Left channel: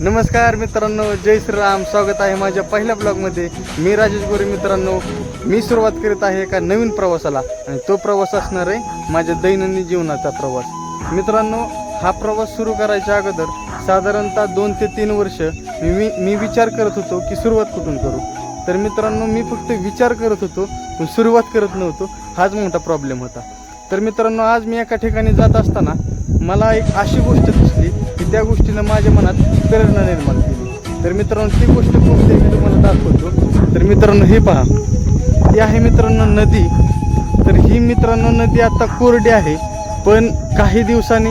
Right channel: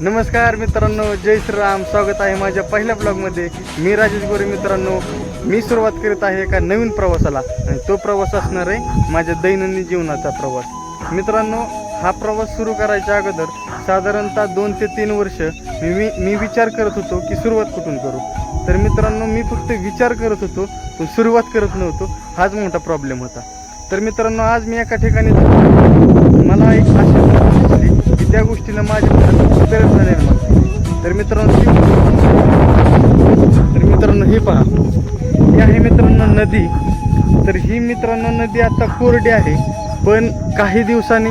नमस्कार मित्रांनो, जय श्रीराम. स्वागत आहे माझ्या पहिल्या ब्लॉगमध्ये. मी राजेश गोरे. मित्रांनो, मी सुरुवात करीत आहे एका नवीन प्रवासाला आणि तो प्रवास असणार आहे माझ्या दैनंदिन जीवनाचा प्रवास. मित्रांनो, हा प्रवास सुरू करायच्या अगोदर साधारणतः 2 ते 3 वर्ष मी विचार करत होतो की सुरुवात कुठून करू. तर मित्रांनो, मी फक्त विचार करत होतो पण सुरुवात करत नव्हतो. हाच मोठा प्रॉब्लेम होता. तर मित्रांनो, आज मी एका ठिकाणी जात असताना मला एक अशी गोष्ट दिसली की त्या गोष्टीनं माझ्या मनात प्रेरणा निर्माण केली. तर मित्रांनो, ती गोष्ट तर मित्रांनो, हे पहा, ही आहे मित्रांनो नदी. तर ही मित्रांनो नदी आता कोरडी आहे, पण काही दिवसांनी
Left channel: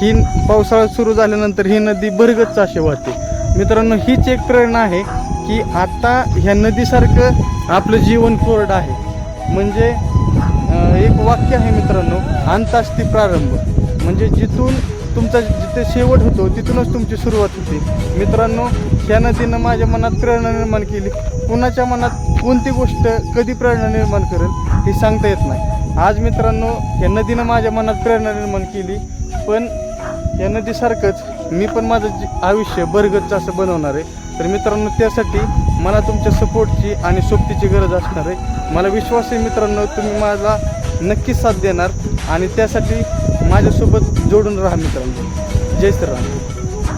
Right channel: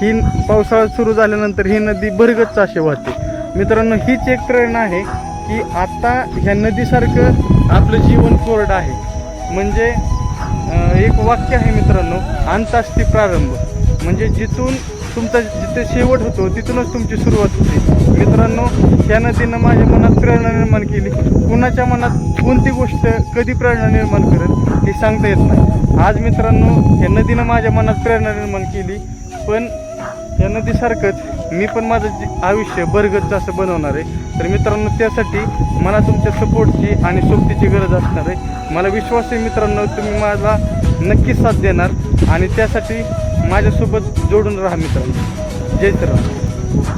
ही पावसाळा सुरू झाल्यानंतर ही नदी भरगच्च अशी वाहते. मित्रांनो, हीच एक प्रेरणा आहे की आता ह्या नदीसारखं आपलं जीवन कोरडं आहे. म्हणजे एक वाक्य आहे मित्रांनो, अंतास्ति प्रारंभ. म्हणजे जिथून तुमचा जिथे शेवट होतो तिथूनच तुमची सुरुवात होते. मित्रांनो, ह्या नदीनं माझ्या मनात प्रेरणा निर्माण केली. कुणाच्या मनात कोणती गोष्ट कधी प्रेरणा निर्माण करेल हे सांगता येत नाही. आज मित्रांनो, ह्या नदीनं माझ्या मनात प्रेरणा निर्माण केली, पण या नदीसारखंच मी पण माझं आयुष्य भरगच्च असं बनवणार आहे. तर मित्रांनो, त्यासाठी मला तुमच्या सपोर्टची आणि सोबतीची गरज असणार आहे. मला विश्वास आहे मित्रांनो, तुम्ही माझा नक्कीच साथ देणार आणि त्यासाठी माझ्यासोबत जोडून राहा मित्रांनो. जय श्रीराम.